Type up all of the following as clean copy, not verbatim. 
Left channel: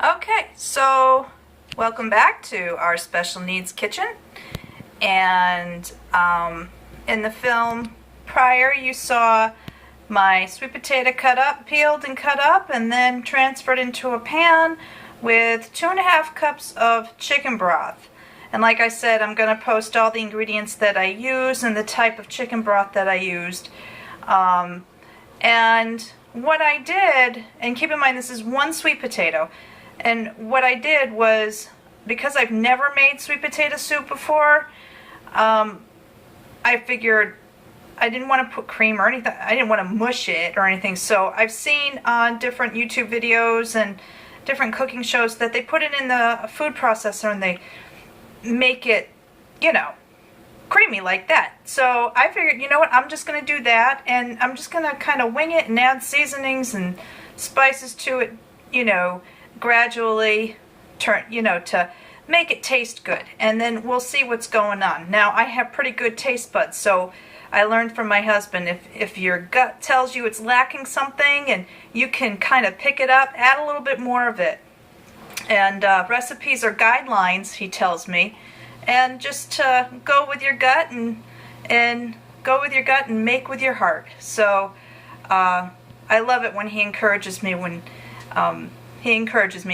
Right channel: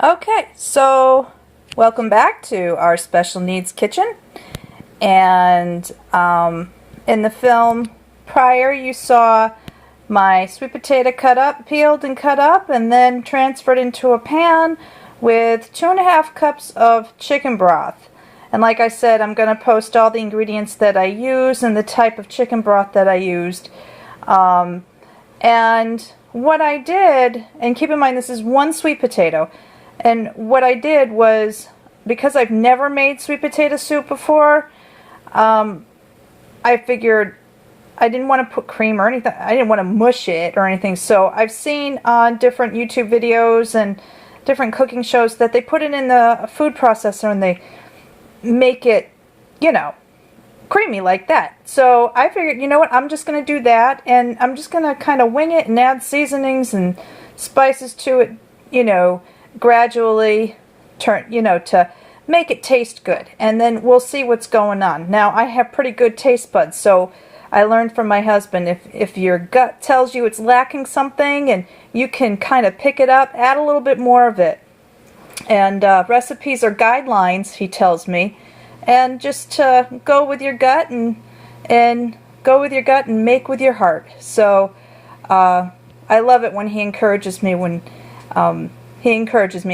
Okay, so welcome back to our special needs kitchen. And in the film prior, you saw my sweet potato peeled and cut up, and then transferred into a pan with 2.5 cups of chicken broth. And like I said, I'm going to post all the ingredients that I use and the type of chicken broth that I used. And what I did, and keep in mind this is one sweet potato, and what I did was, because I've never made sweet potato soup before, I figured I didn't want to put cream or anything. I didn't want to mush it or anything. So I've seen on different YouTube videos and different cooking shows that they put it in the food processor and they make it, you know, creamy like that. So I figured, you know what, I'm just going to do that, and I'm just going to kind of wing it and add seasonings and spices to it, you know, gradually to make it taste good, and then we'll see what's going on. Now, I have pretty good taste buds, so I learned from my husband, if your gut tells you it's lacking something and you can kind of pick it up, add a little bit more of it. And recipes are guidelines, he tells me, and just go with your gut and go with your gut and make with your heart. So I love it when he encourages me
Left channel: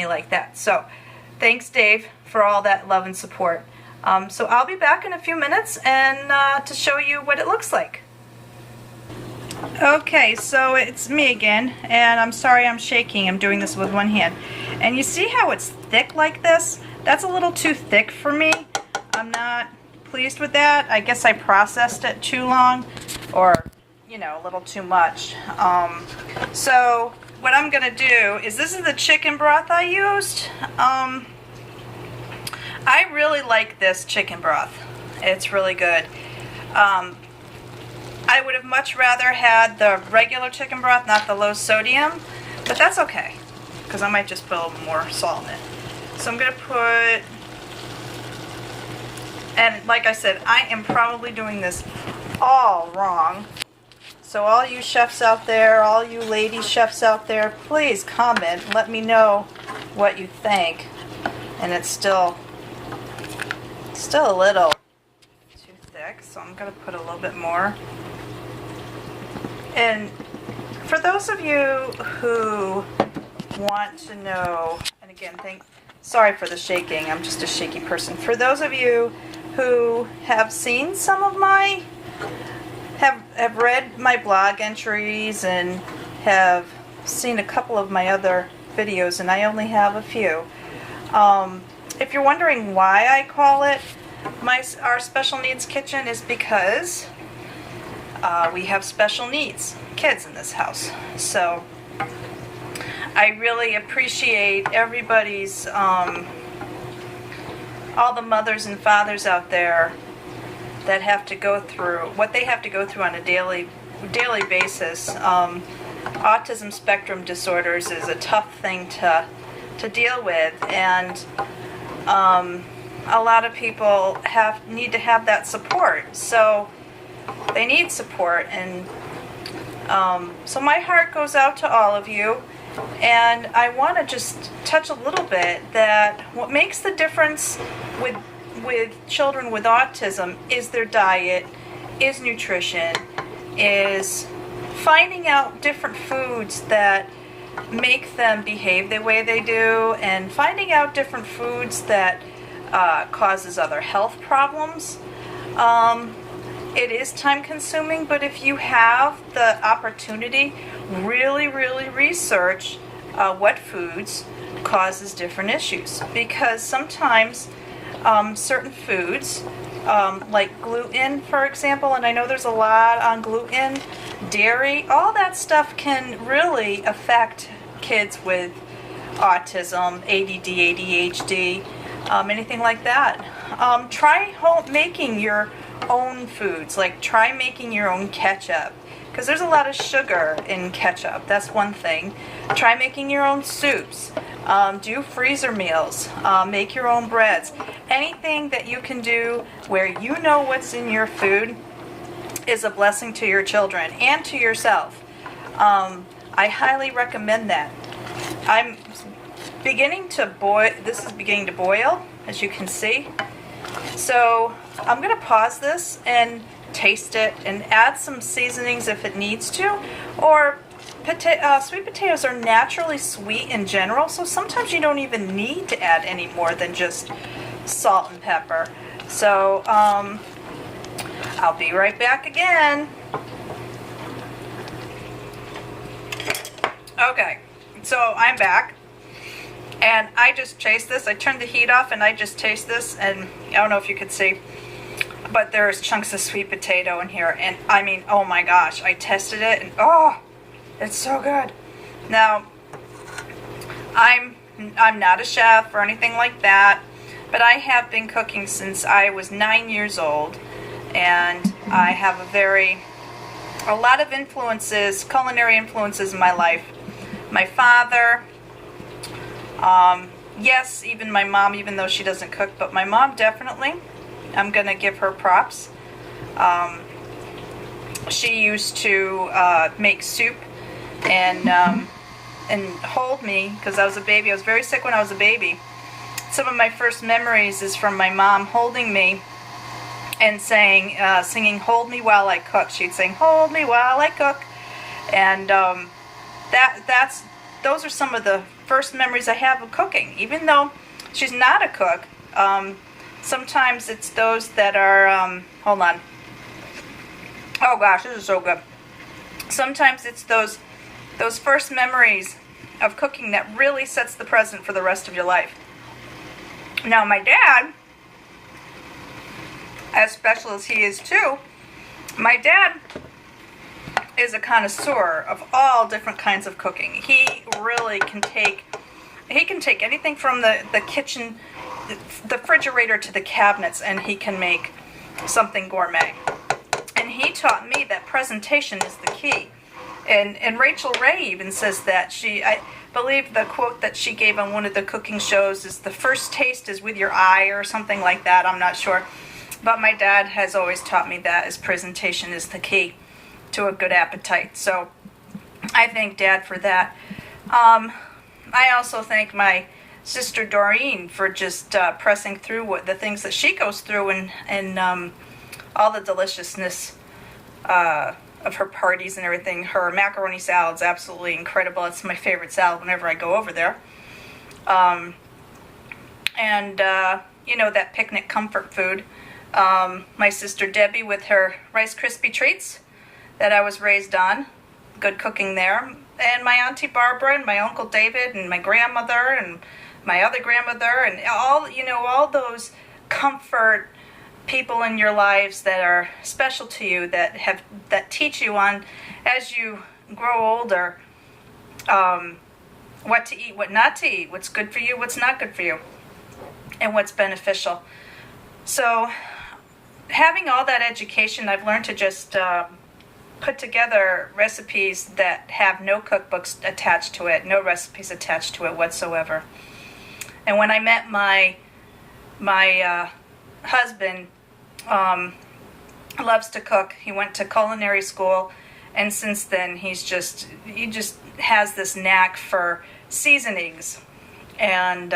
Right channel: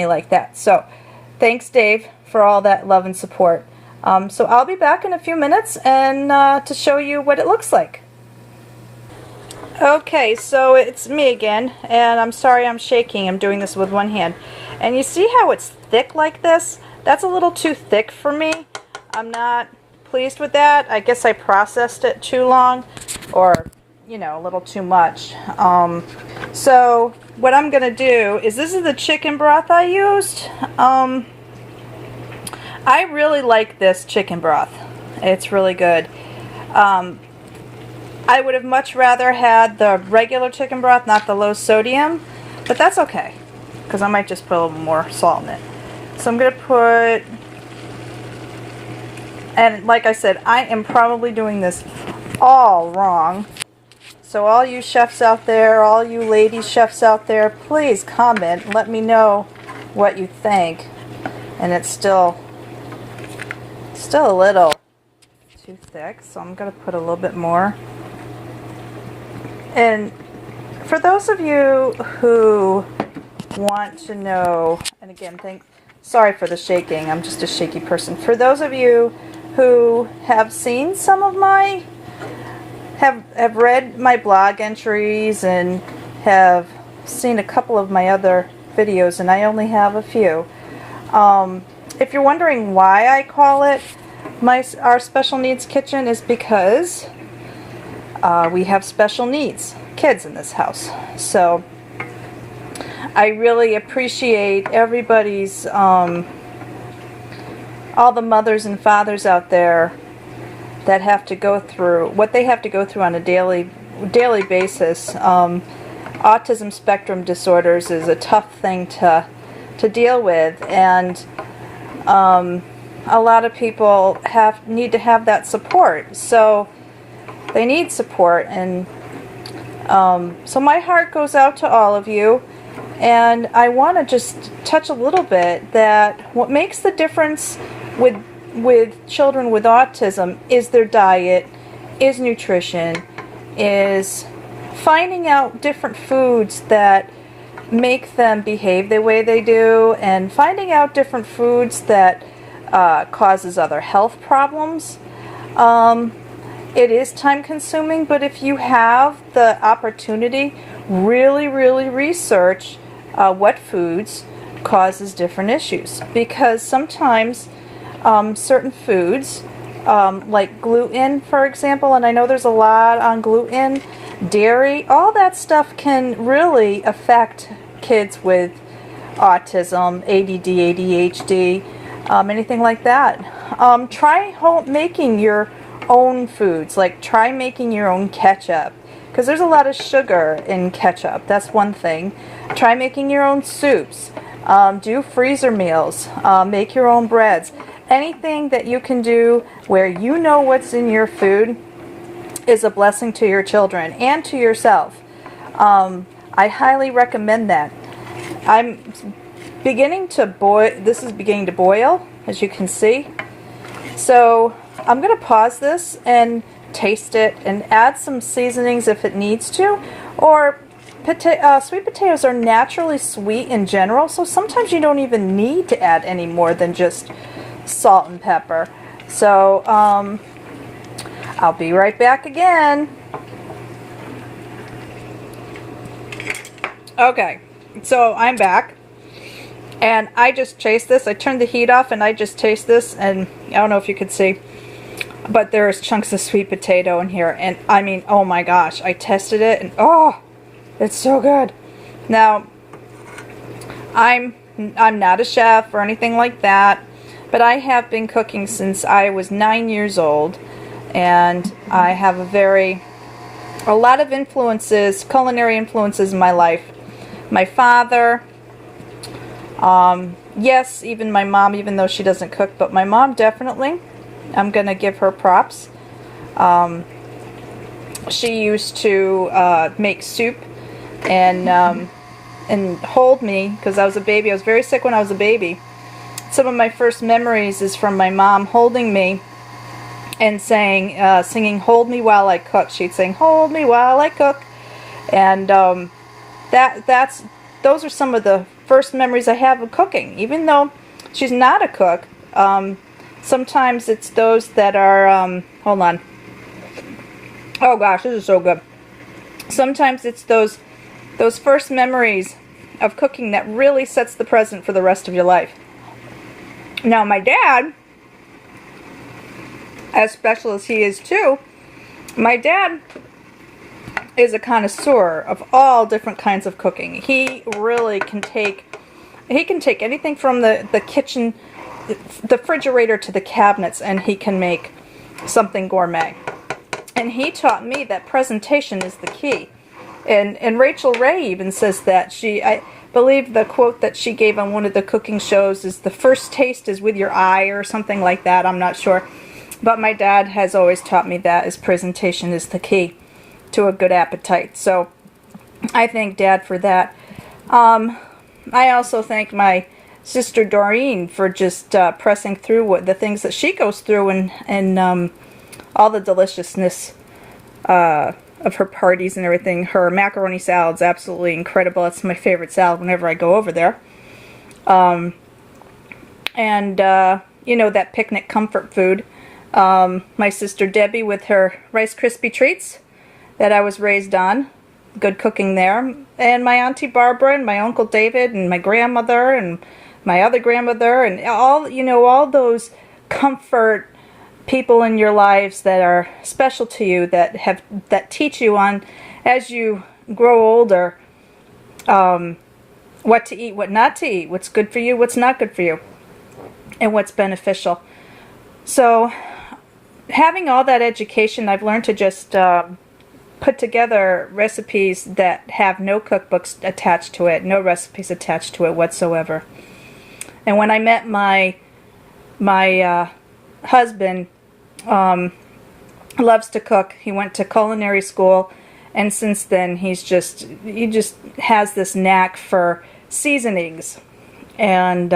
like that. So thanks, Dave, for all that love and support. So I'll be back in a few minutes and to show you what it looks like. Okay, so it's me again, and I'm sorry I'm shaking. I'm doing this with one hand. And you see how it's thick like this? That's a little too thick for me. I'm not pleased with that. I guess I processed it too long, or, you know, a little too much. So what I'm going to do is, this is the chicken broth I used. I really like this chicken broth. It's really good. I would have much rather had the regular chicken broth, not the low sodium, but that's okay, because I might just put a little more salt in it. So I'm going to put, and like I said, I am probably doing this all wrong. So all you chefs out there, all you lady chefs out there, please comment, let me know what you think. And it's still a little too thick, so I'm going to put a little bit more. And for those of you who want to know, and again, sorry for the shaking, I'm just a shaky person. For those of you who have seen some of my, have read my blog entries and have seen a couple of my other videos, and I only have a few. If you're wondering why I call it our special needs kitchen, is because we have special needs kids in this house. So I really appreciate everybody's, all the mothers and fathers out there that have to go through what they have to go through on a daily basis. Autism spectrum disorders is a tough thing to deal with, and a lot of people need to have that support. So they need support, and so my heart goes out to all of you. And I want to just touch a little bit that what makes the difference with children with autism is their diet, is nutrition, is finding out different foods that make them behave the way they do, and finding out different foods that causes other health problems. It is time consuming, but if you have the opportunity, really research what foods causes different issues, because sometimes certain foods, like gluten, for example, and I know there's a lot on gluten, dairy, all that stuff can really affect kids with autism, ADD, ADHD, anything like that. Try making your own foods, like try making your own ketchup, because there's a lot of sugar in ketchup. That's one thing. Try making your own soups. Do freezer meals. Make your own breads. Anything that you can do where you know what's in your food is a blessing to your children and to yourself. I highly recommend that. I'm beginning to boil. This is beginning to boil, as you can see. So I'm going to pause this and taste it and add some seasonings if it needs to. Or sweet potatoes are naturally sweet in general, so sometimes you don't even need to add any more than just salt and pepper. So I'll be right back again. Okay, so I'm back, and I just taste this. I turned the heat off and I just taste this, and I don't know if you could see, but there's chunks of sweet potato in here, and I mean, oh my gosh, I tested it, and oh, it's so good. Now, I'm not a chef or anything like that, but I have been cooking since I was 9 years old, and I have a lot of influences, culinary influences in my life. My father, yes, even my mom, even though she doesn't cook, but my mom definitely, I'm going to give her props. She used to make soup and hold me, because I was a baby. I was very sick when I was a baby. Some of my first memories is from my mom holding me and singing "Hold Me While I Cook." She'd sing "Hold Me While I Cook," and those are some of the first memories I have of cooking. Even though she's not a cook, sometimes it's those that are hold on. Oh gosh, this is so good. Sometimes it's those first memories of cooking that really sets the precedent for the rest of your life. Now, my dad, as special as he is too, my dad is a connoisseur of all different kinds of cooking. He really can take anything from the kitchen, the refrigerator, to the cabinets, and he can make something gourmet. And he taught me that presentation is the key. And Rachel Ray even says that. I believe the quote that she gave on one of the cooking shows is, "The first taste is with your eye," or something like that. I'm not sure. But my dad has always taught me that presentation is the key to a good appetite. So I thank Dad for that. I also thank my sister Doreen for just pressing through the things that she goes through, and all the deliciousness of her parties and everything. Her macaroni salad's absolutely incredible. It's my favorite salad whenever I go over there. You know, that picnic comfort food. My sister Debbie with her Rice Krispie treats that I was raised on. Good cooking there. And my Auntie Barbara and my Uncle David and my grandmother and my other grandmother, and all those comfort people in your lives that are special to you, that teach you on, as you grow older, what to eat, what not to eat, what's good for you, what's not good for you, and what's beneficial. So having all that education, I've learned to just put together recipes that have no cookbooks attached to it, no recipes attached to it whatsoever. And when I met my husband, loves to cook. He went to culinary school, and since then he just has this knack for seasonings, and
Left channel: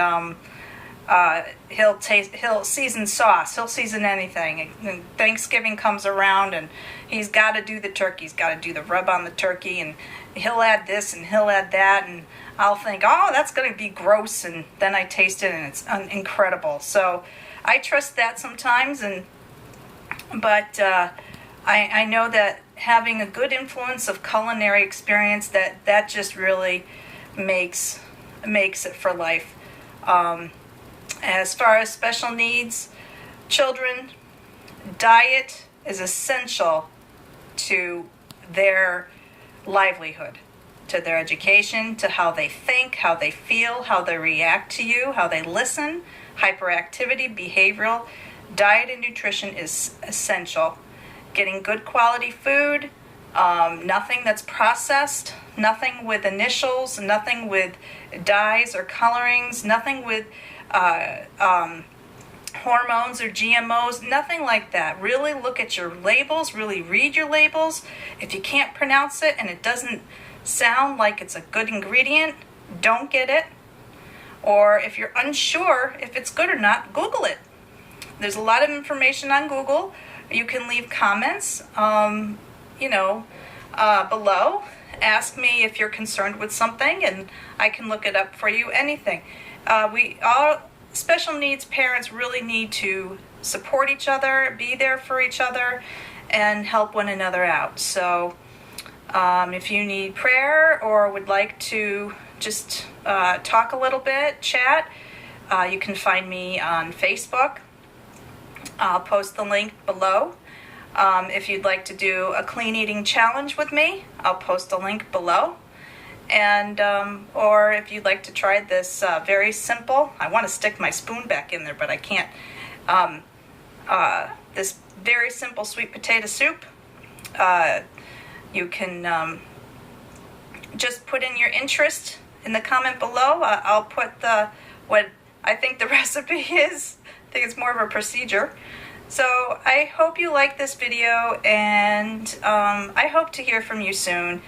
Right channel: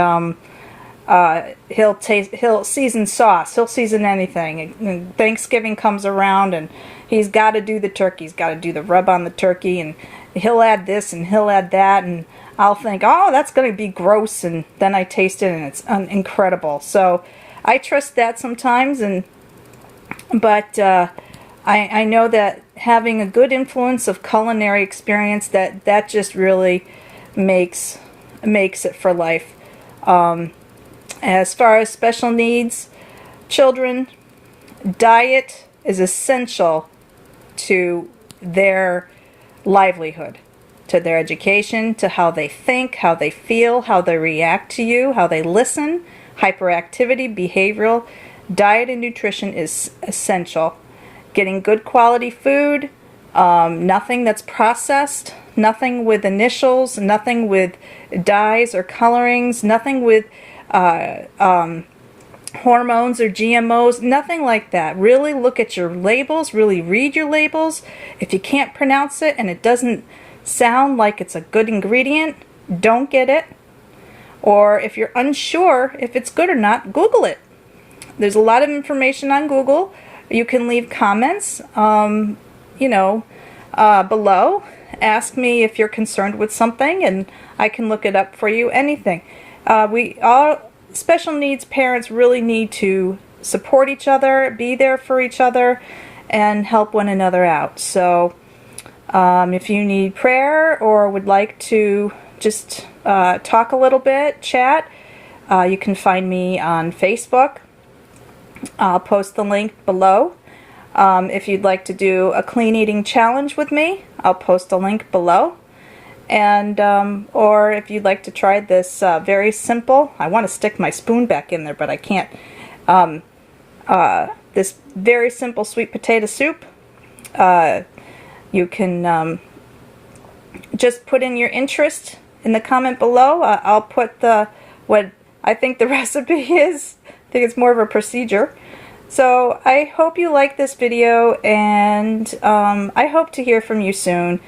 he'll season sauce. He'll season anything. And Thanksgiving comes around, and he's got to do the turkey. He's got to do the rub on the turkey, and he'll add this and he'll add that, and I'll think, oh, that's going to be gross, and then I taste it, and it's incredible. So I trust that sometimes, but I know that having a good influence of culinary experience, that just really makes it for life. As far as special needs children, diet is essential to their livelihood, to their education, to how they think, how they feel, how they react to you, how they listen, hyperactivity, behavioral. Diet and nutrition is essential. Getting good quality food, nothing that's processed, nothing with initials, nothing with dyes or colorings, nothing with hormones or GMOs, nothing like that. Really look at your labels, really read your labels. If you can't pronounce it and it doesn't sound like it's a good ingredient, don't get it. Or if you're unsure if it's good or not, Google it. There's a lot of information on Google. You can leave comments, below. Ask me if you're concerned with something, and I can look it up for you. Anything. We all special needs parents really need to support each other, be there for each other, and help one another out. So if you need prayer or would like to just talk a little bit, chat, you can find me on Facebook. I'll post the link below. If you'd like to do a clean eating challenge with me, I'll post a link below. And or if you'd like to try this very simple, I want to stick my spoon back in there, but I can't. This very simple sweet potato soup. You can just put in your interest in the comment below. I'll put what I think the recipe is. I think it's more of a procedure. So I hope you like this video, and I hope to hear from you soon.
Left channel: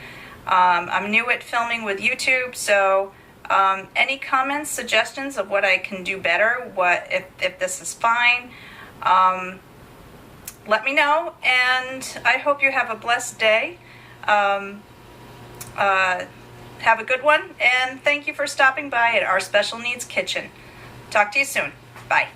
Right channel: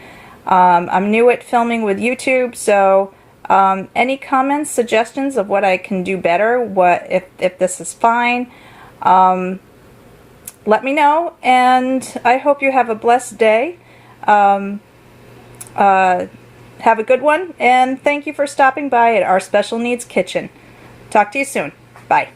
I'm new at filming with YouTube, so any comments, suggestions of what I can do better, if this is fine, let me know, and I hope you have a blessed day. Have a good one, and thank you for stopping by at our Special Needs Kitchen. Talk to you soon. Bye.